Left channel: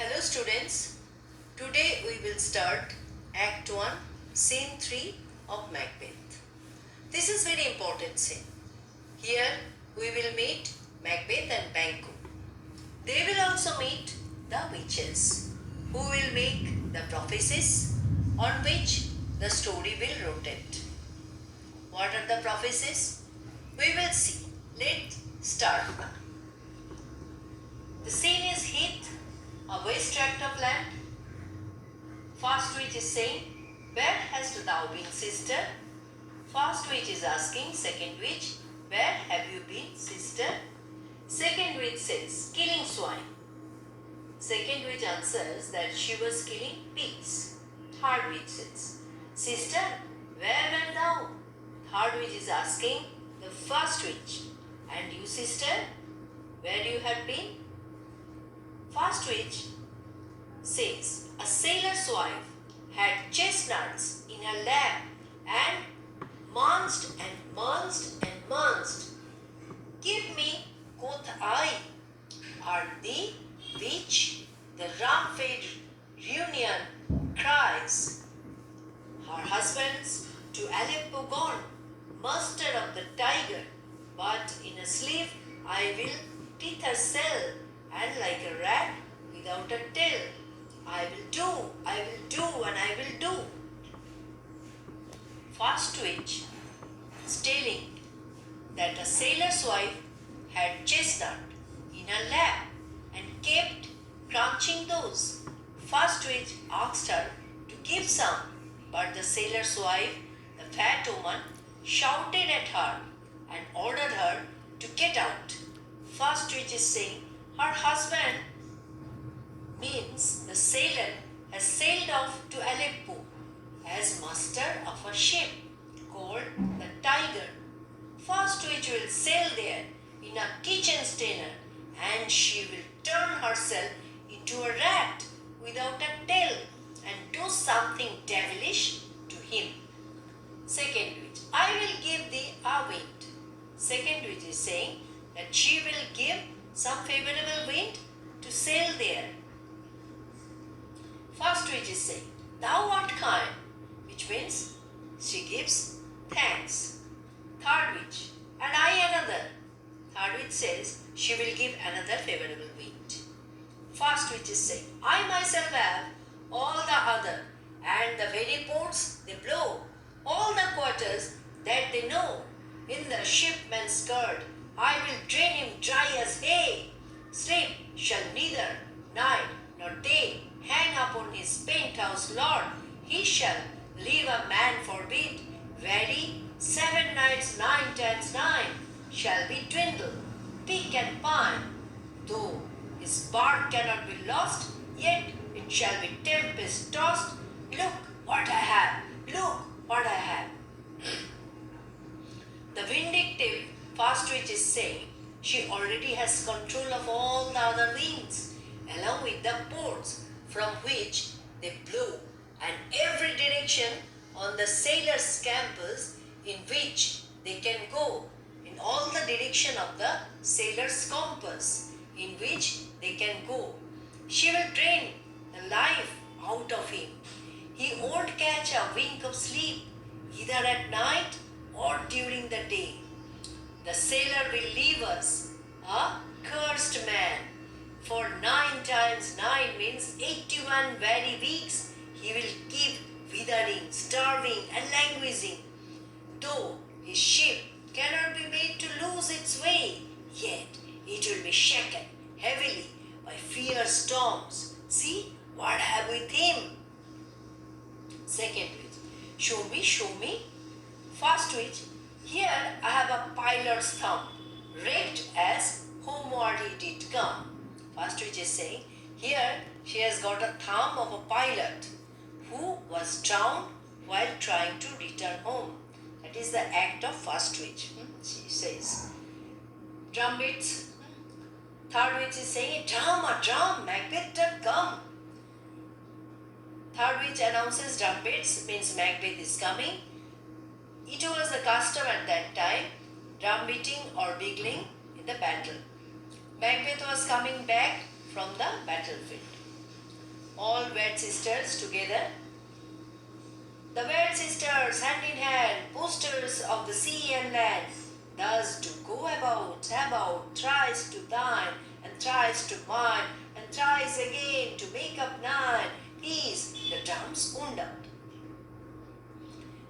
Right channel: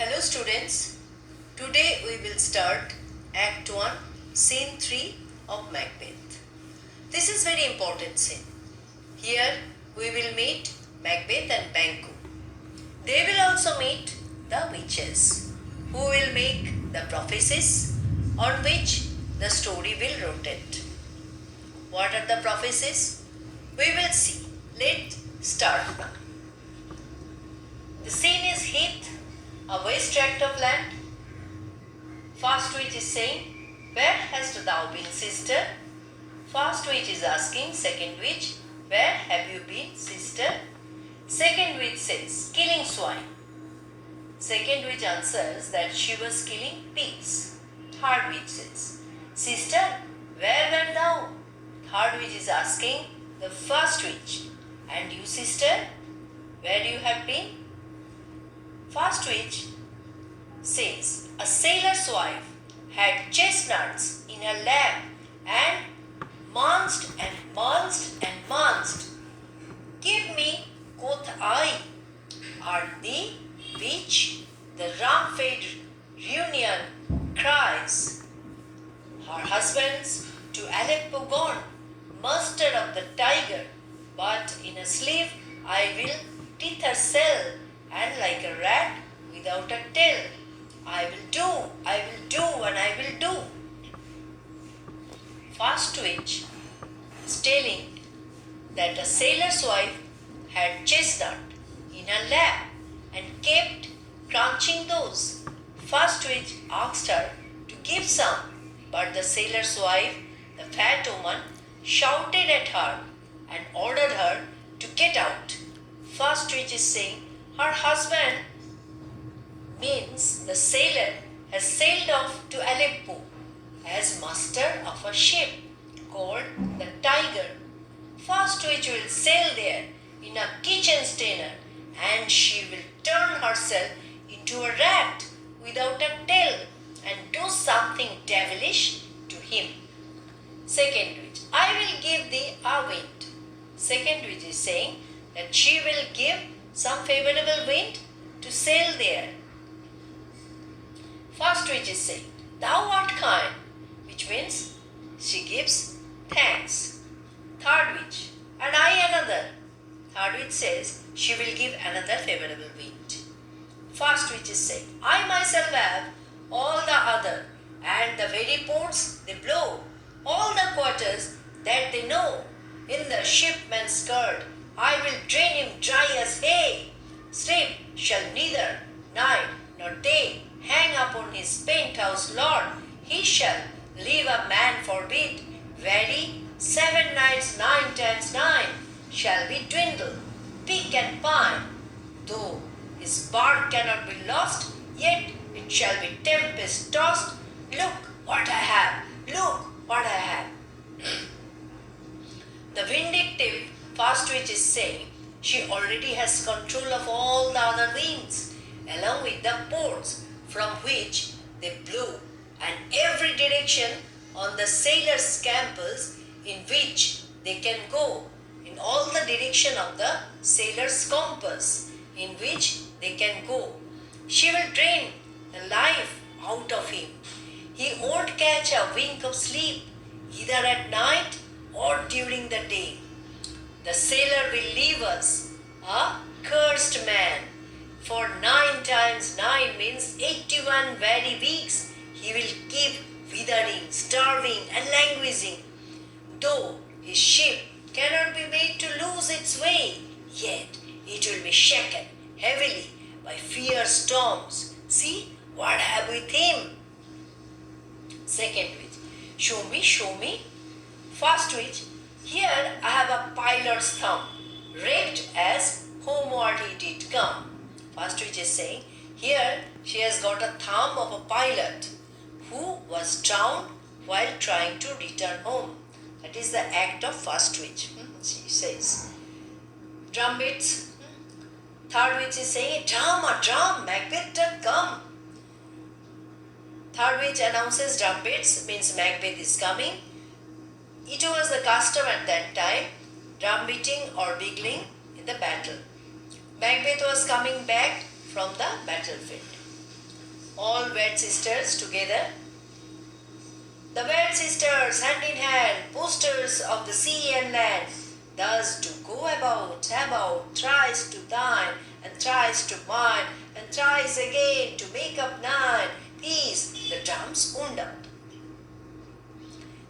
Hello students, today we will start Act 1, Scene 3 of Macbeth. This is very important scene. Here we will meet Macbeth and Banquo. They will also meet the witches who will make the prophecies on which the story will rotate. What are the prophecies? We will see. Let's start. The scene is Heath, a waste tract of land. First witch is saying, "Where hast thou been, sister?" First witch is asking second witch, "Where have you been, sister?" Second witch says, "Killing swine." Second witch answers that she was killing pigs. Third witch says, "Sister, where wert thou?" Third witch is asking the first witch, "And you, sister, where you have been?" First witch says, "A sailor's wife had chestnuts in her lap and munched and munched and munched. Give me, quoth I, art thee, which the rum-fed reunion cries. Her husband's to Aleppo gone, muster of the tiger, but in a sleeve I will teeth her sell, and like a rat without a tail, I will do, and I will do." First witch is telling that a sailor's wife had chestnut in her lap and kept crunching those. First witch asked her to give some, but the sailor's wife, the fat woman, shouted at her and ordered her to get out. First witch is saying her husband, means the sailor, has sailed off to Aleppo as master of a ship called the Tiger. First witch will sail there in a kitchen steamer, and she will turn herself into a rat without a tail and do something devilish to him. Second witch, "I will give thee a wind." Second witch is saying that she will give some favorable wind to sail there. First witch is saying, "Thou art kind," which means she gives thanks. Third witch, "And I another." Third witch says she will give another favorable wind. First witch is saying, "I myself have all the other, and the very ports they blow, all the quarters that they know. In the shipman's skirt I will drain him dry as hay. Sleep shall neither night nor day hang upon his penthouse lord. He shall leave a man forbid. Very 7 nights 9 times 9 shall be dwindled, pick and pine. Though his bark cannot be lost, yet it shall be tempest tossed. Look what I have, look what I have." The vindictive first witch is saying she already has control of all the other winds, along with the ports from which they blow, and every direction on the sailor's campus in which they can go, in all the direction of the sailor's compass in which they can go. She will drain the life out of him. He won't catch a wink of sleep, either at night or during the day. The sailor will leave us a cursed man. For 9 times 9 means 81 weary weeks he will keep withering, starving, and languishing. Though his ship cannot be made to lose its way, yet it will be shaken heavily by fierce storms. See what I have with him. Second witch, "Show me, show me." First witch, "Here I have a pilot's thumb, raked as homeward he did come." First witch is saying, here she has got a thumb of a pilot who was drowned while trying to return home. That is the act of first witch. She says, "Drumbeats." Third witch is saying, a drum, Macbeth done come." Third witch announces drumbeats, means Macbeth is coming. It was the custom at that time, drum beating or bugling in the battle. Macbeth was coming back from the battlefield. All wed sisters together. The wed sisters, hand in hand, posters of the sea and land, thus do go about, thrice to thine, and thrice to mine, and thrice again to make up nine. Peace, the drums wound up.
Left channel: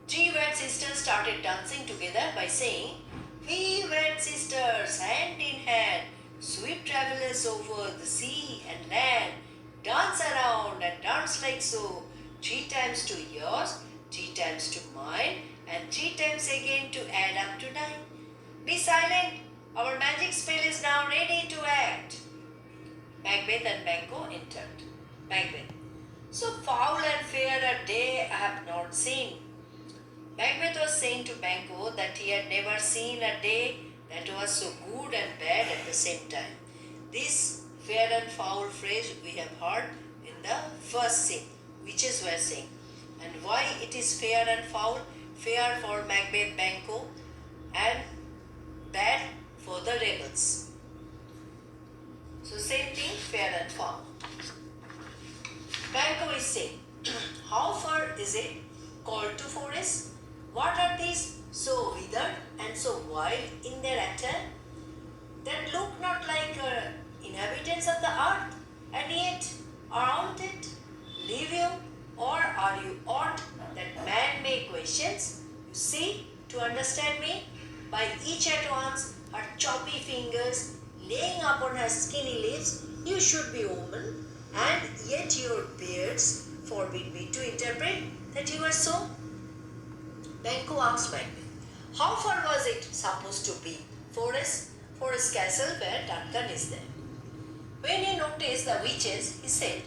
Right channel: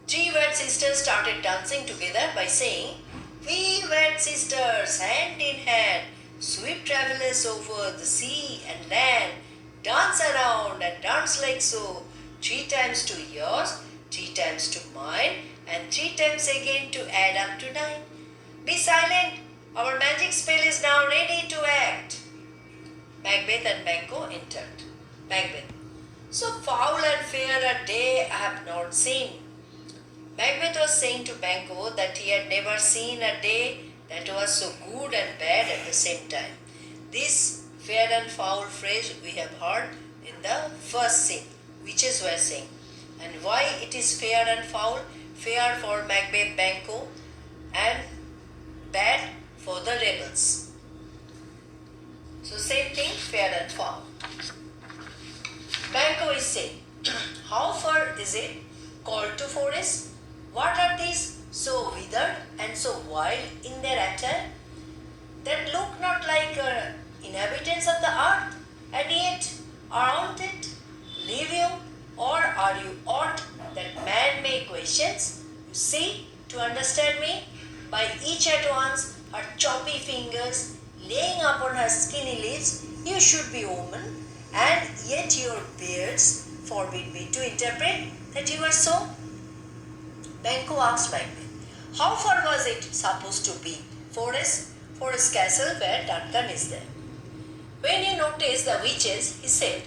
Three wed sisters started dancing together by saying, "We wed sisters, hand in hand, sweet travelers over the sea and land, dance around and dance like so, 3 times to yours, 3 times to mine, and 3 times again to add up to 9. Be silent, our magic spell is now ready to act." Macbeth and Banquo entered. Macbeth: "So foul and fair a day I have not seen." Macbeth was saying to Banquo that he had never seen a day that was so good and bad at the same time. This fair and foul phrase we have heard in the first scene, witches were saying. And why it is fair and foul? Fair for Macbeth, Banquo, and bad for the rebels. So same thing, fair and foul. Banquo is saying, "How far is it called to forest? What are these so withered and so wild in their attire, that look not like inhabitants of the earth, and yet around it live you, or are you aught that man may questions? You see, to understand me, by each at once her choppy fingers laying upon her skinny lips, you should be woman, and yet your beards forbid me to interpret that you are so." Banquo asked Macbeth, "How far was it supposed to be? Forest castle where Duncan is there." When he noticed the witches, he said,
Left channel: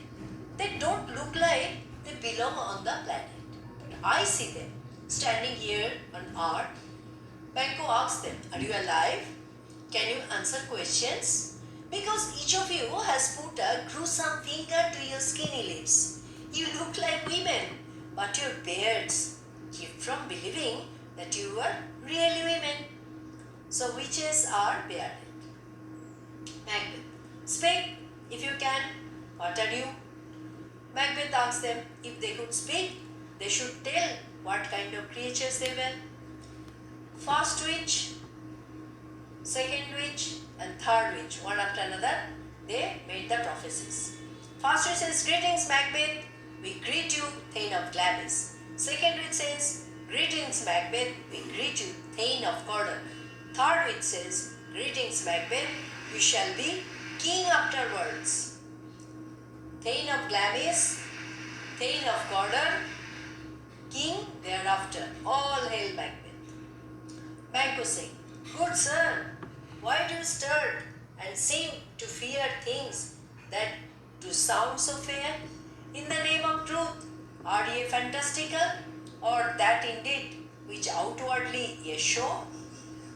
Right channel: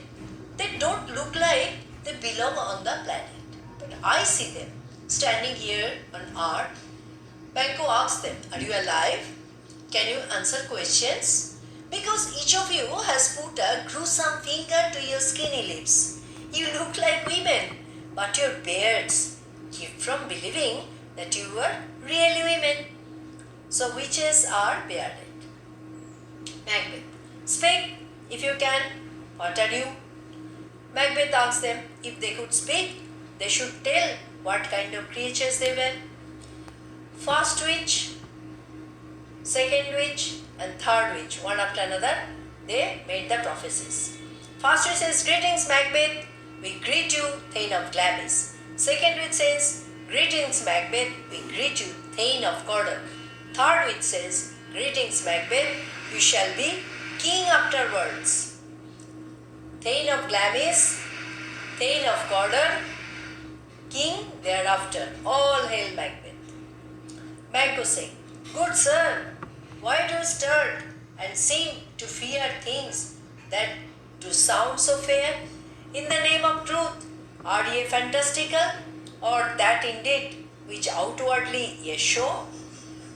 "They don't look like they belong on the planet, but I see them standing here on earth." Banquo asked them, "Are you alive? Can you answer questions? Because each of you has put a gruesome finger to your skinny lips. You look like women, but your beards keep from believing that you were really women. So witches are bearded." Macbeth: "Speak, if you can. What are you?" Macbeth asked them if they could speak, they should tell what kind of creatures they were. First witch, second witch, and third witch, one after another, they made the prophecies. First witch says, "Greetings, Macbeth. We greet you, Thane of Glamis." Second witch says, "Greetings, Macbeth. We greet you, Thane of Cawdor." Third witch says, "Greetings, Macbeth. You shall be king afterwards." Thane of Glamis, Thane of Cawdor, king thereafter. All hail Macbeth. Banquo saying, "Good sir, why do you start and seem to fear things that do sound so fair? In the name of truth, are ye fantastical, or that indeed which outwardly ye show?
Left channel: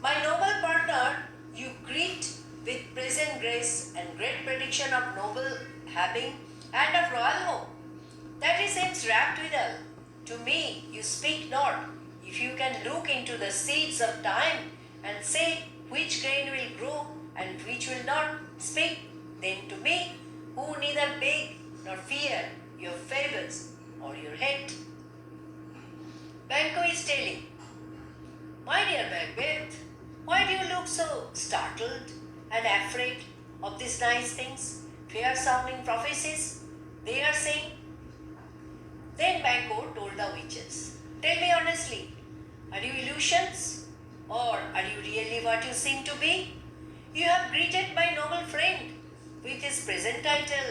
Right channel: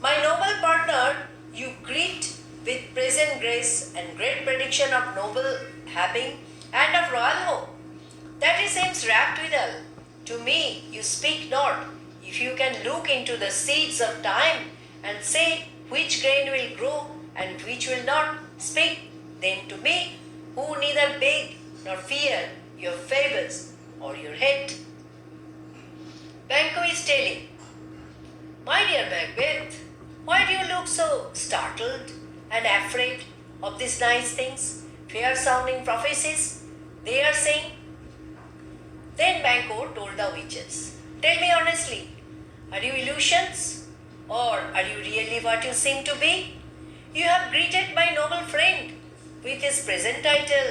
My noble partner, you greet with present grace and great prediction of noble having and of royal hope. That it seems wrapped withal. To me you speak not. If you can look into the seeds of time and say which grain will grow and which will not, speak then to me, who neither beg nor fear your favors or your hate." Banquo is telling, "My dear Macbeth, why do you look so startled and afraid of these nice things, fair sounding prophecies they are saying?" Then Banquo told the witches, "Tell me honestly, are you illusions, or are you really what you seem to be? You have greeted my noble friend with his present title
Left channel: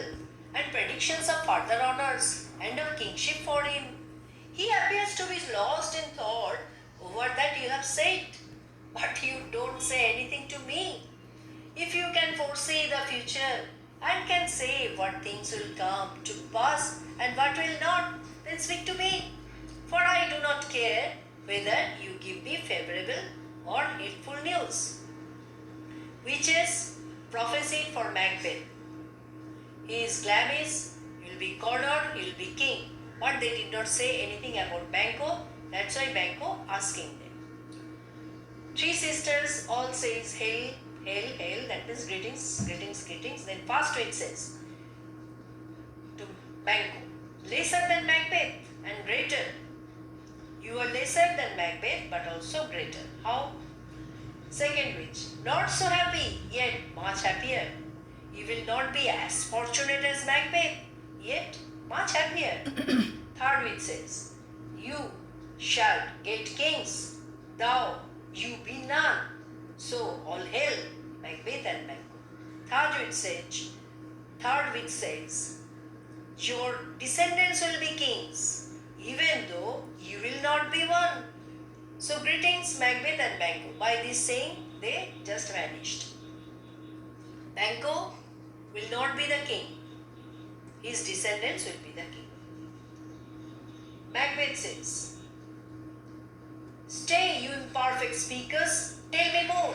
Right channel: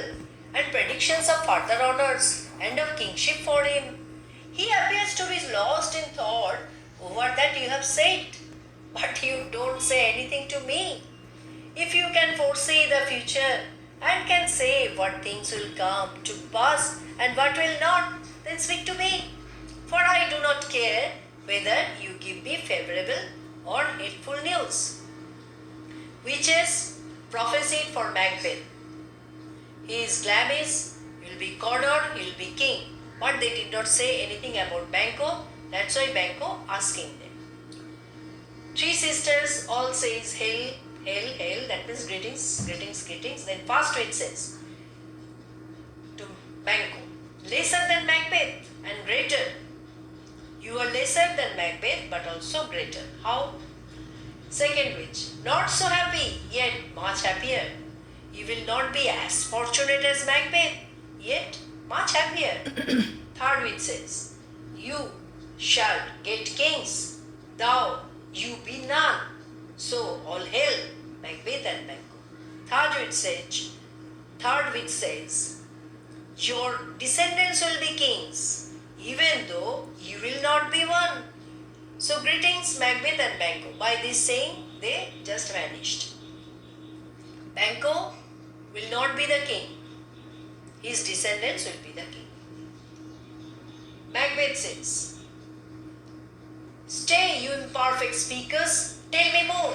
and predictions of further honors and of kingship for him. He appears to be lost in thought over that you have said, but you don't say anything to me. If you can foresee the future and can say what things will come to pass and what will not, then speak to me, for I do not care whether you give me favorable or hateful news." Witches prophesied for Macbeth. He is Glamis, he will be Cawdor, he will be king. But they did not say anything about Banquo. That's why Banquo asking them. Three sisters all says, "Hail, hail, hail." That means greetings, greetings, greetings. Then first witch says to Banquo. Lesser than Macbeth and greater. You are lesser than Macbeth but also greater. How? Second witch. Not so happy, yet much happier. You will not be as fortunate as Macbeth, yet much happier. Third witch says, you shall get kings, thou you be none. So all hail Macbeth and Banquo. Third witch says, your descendants will be kings, even though you will not be one. So greetings Macbeth and Banquo. By this saying, they just vanished. Banquo will not be the king. His descendants will be the king. Macbeth says, stay, you imperfect speakers, tell me more.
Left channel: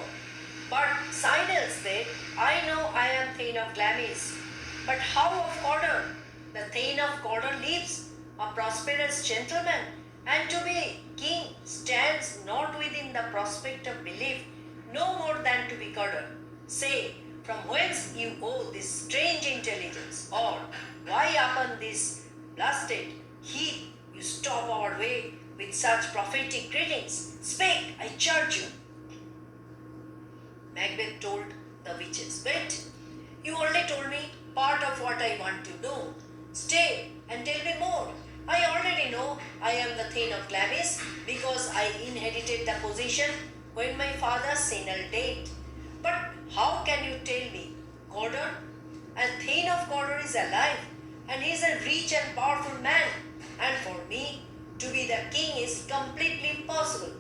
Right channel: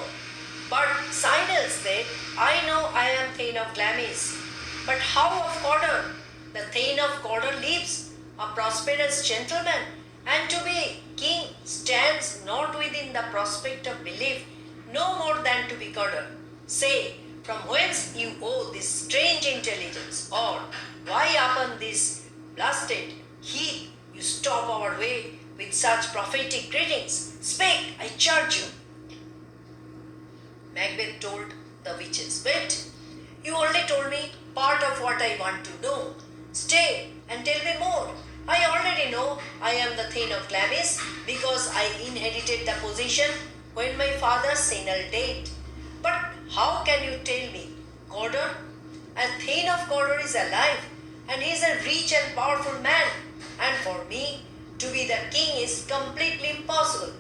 But Signals said, I know I am Thane of Glamis, but how of Cawdor? The Thane of Cawdor lives, a prosperous gentleman, and to be king stands not within the prospect of belief, no more than to be Cawdor. Say, from whence you owe this strange intelligence, or why upon this blasted heath you stop our way with such prophetic greetings? Speak, I charge you. Macbeth told the witches, wait, you only told me part of what I want to know. Stay and tell me more. I already know I am the Thane of Glamis because I inherited the position when my father Senel died. But how can you tell me, Cawdor? A Thane of Cawdor is alive and he is a rich and powerful man, and for me to be the king is completely impossible,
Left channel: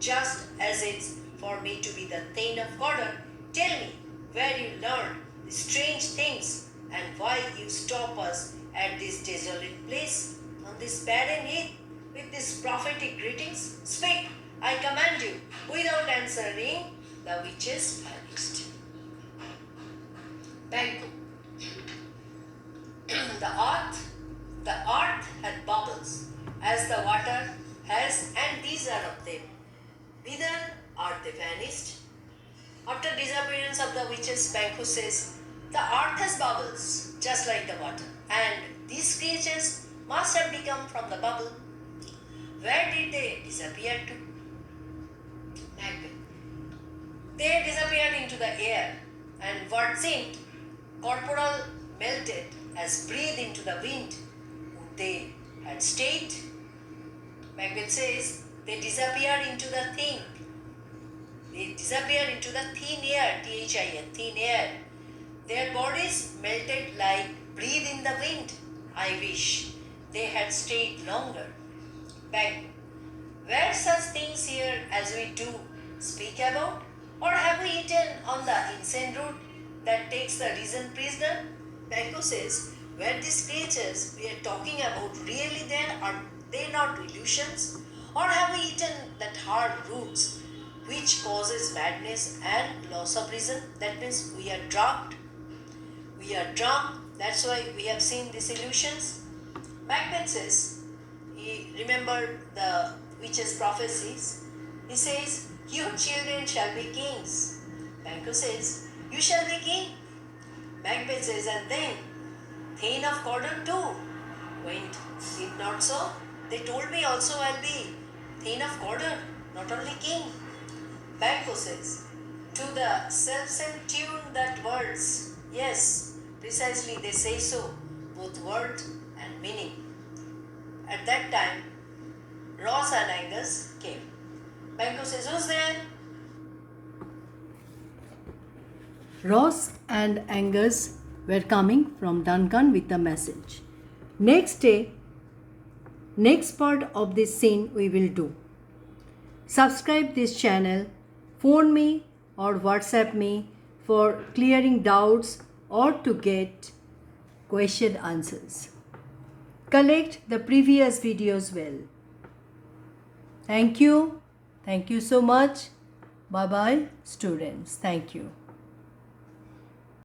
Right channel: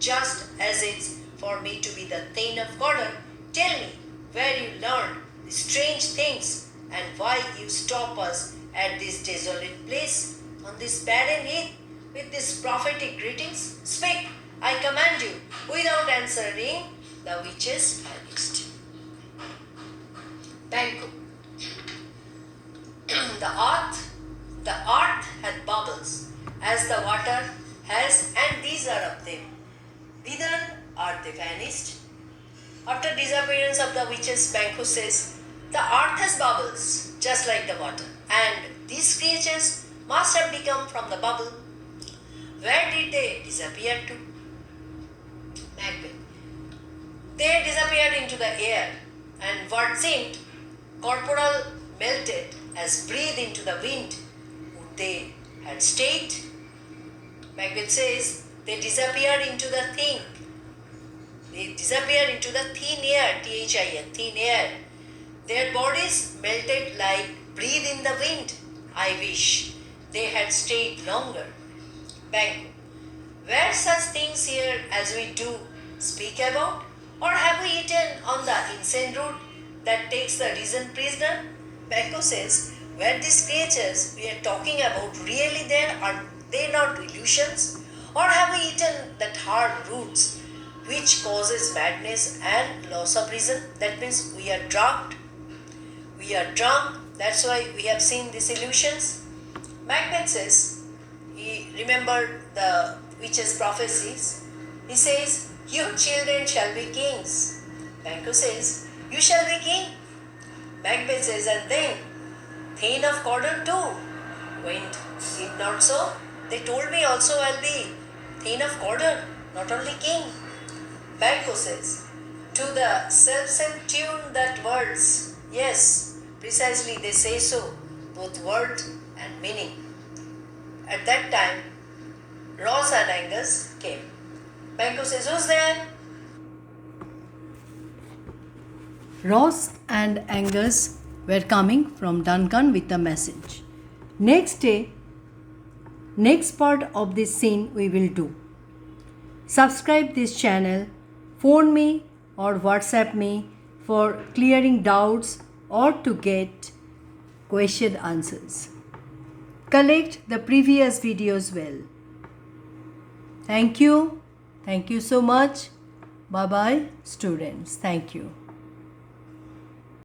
just as it's for me to be the Thane of Cawdor. Tell me where you learned these strange things and why you stop us at this desolate place on this barren heath with these prophetic greetings. Speak, I command you. Without answering, the witches vanished. Banquo. The earth had bubbles, as the water has, and these are of them. Whither are they vanished? After disappearance of the witches, Banquo says, the earth has bubbles, just like the water, and these creatures must have become from the bubble. Where did they disappear to? Macbeth. They disappeared into the air, and what seemed corporal melted as breath into the wind. Would they had stayed? Macbeth says they disappeared into the thing. They disappeared into the thin air, Thin, thin air. Their bodies melted like breath in the wind. I wish they had stayed longer. Bang. Were such things here as we do speak about? Or have we eaten on the insane route that takes the risen prisoner? Banquo says, were these creatures we are talking about really there? Are they not illusions? Or have we eaten that hard roots which causes madness and loss of reason? That means we are drugged. We are drunk. That's why we have seen these illusions. Macbeth says, he remembered the witches' prophecies. He says, your children shall be kings. Banquo says, you shall be king. Macbeth says, and then Thane of Cawdor too. Went it not so? They told me also I'll be Thane of Cawdor, not only king. Banquo says, to the self-same tune that words, yes, precisely they say so, both word and meaning. At that time, Ross and Angus came. Banquo says, who's there? Ross and Angus were coming from Duncan with a message. Next day, next part of this scene we will do. Subscribe this channel, phone me or WhatsApp me for clearing doubts or to get question answers. Collect the previous videos well. Thank you. Thank you so much. Bye bye students. Thank you.